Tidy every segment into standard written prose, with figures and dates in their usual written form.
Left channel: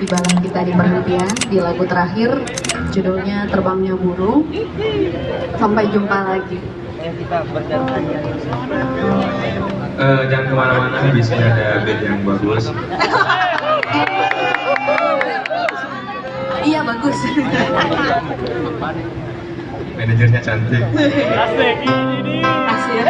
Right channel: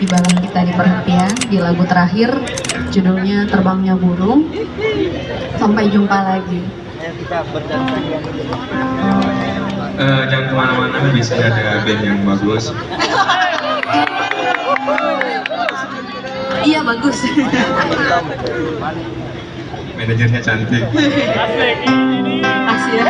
ibadah kita di perhentian di lagu terakhir judulnya Terbangnya Burung. Sampai jumpa lagi. Jangan kemana-mana, biasanya ada band yang bagus. Iya bagus. Manajernya cantik. Asik.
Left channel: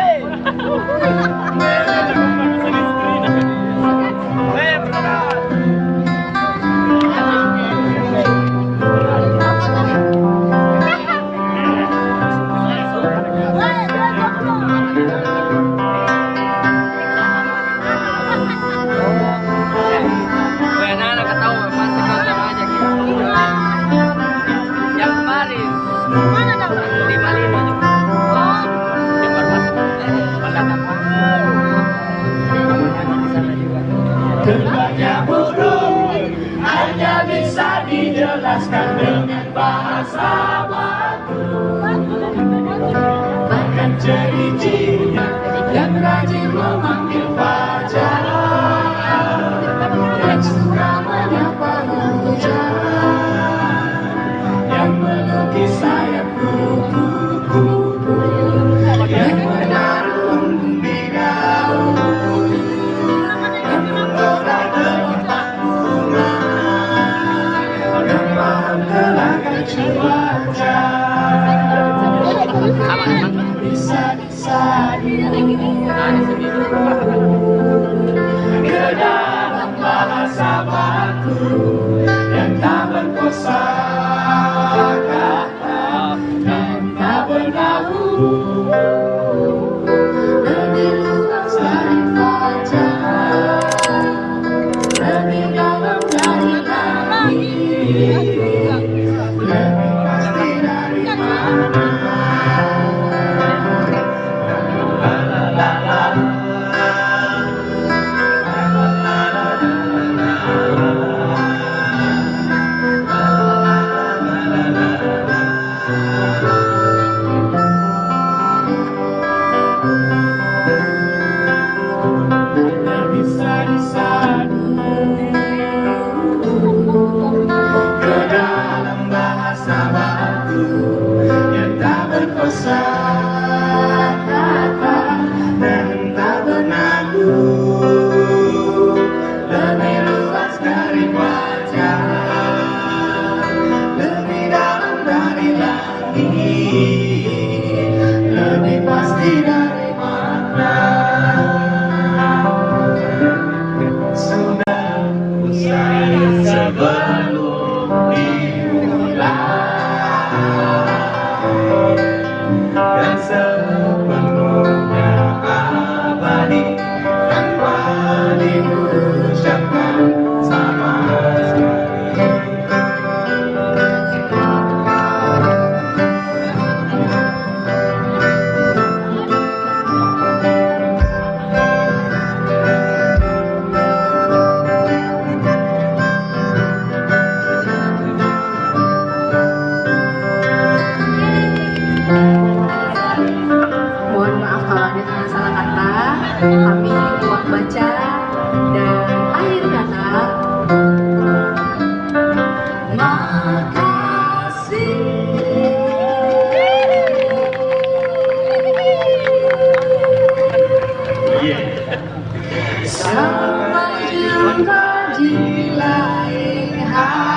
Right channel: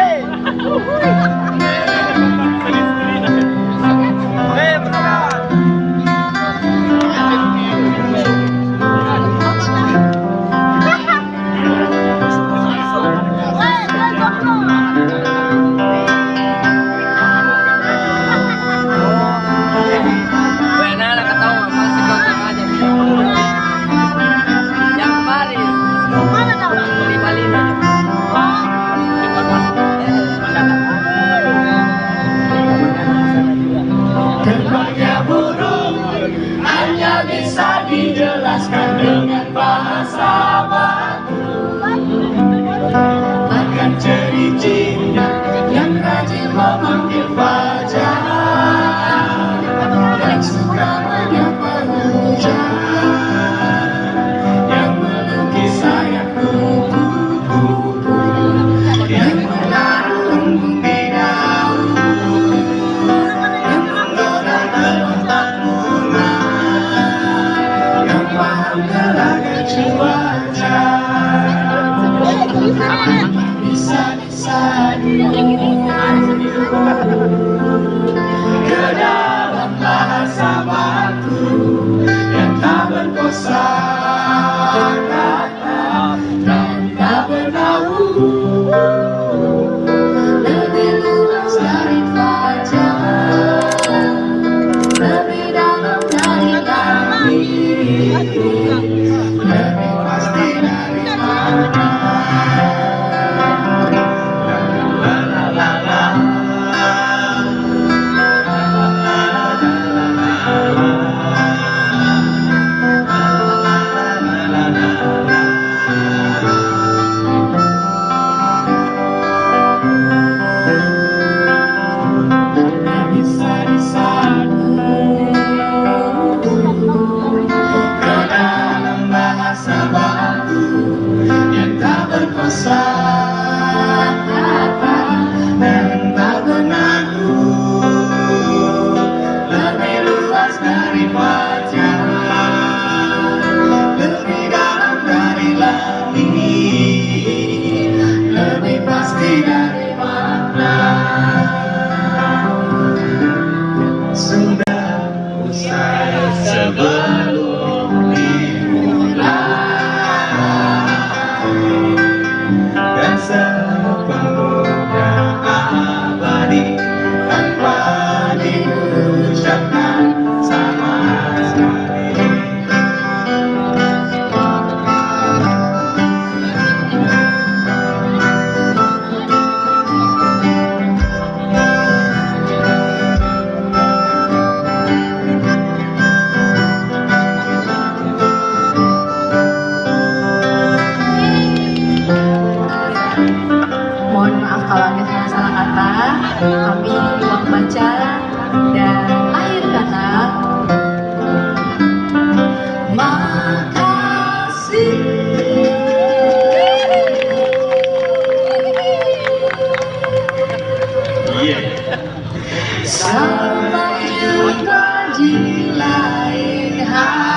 Terbangnya burung hanya bisa dijelaskan dengan bahasa batu. Bahkan ciri-cirinya yang rajin memanggil fajar, yang suka menyapa hujan, yang melukis sayap kupu-kupu, yang menaruh embun di daun, yang menggerak tempat bunga, yang paham gelagat cuaca. Bisa disadu ke dalam bahasa batu yang tak berkosa kata dan tak bernaung, lebih luas dari fajar, lebih dalam dari langit, lebih pasti dari mana. Bisa disadu ke dalam bahasa batu yang tak berkosa kata dan tak bernadu, lebih luas dari fajar, lebih dalam dari langit, lebih pasti dari mana. Sudah usai sebelum dimulai dan sepenuhnya abadi tanpa diucapkan sama sekali. Mohon maaf kalau ada salah-salah kata. Kami ruang baca dan akhir kata. Sampai jumpa di lain hari.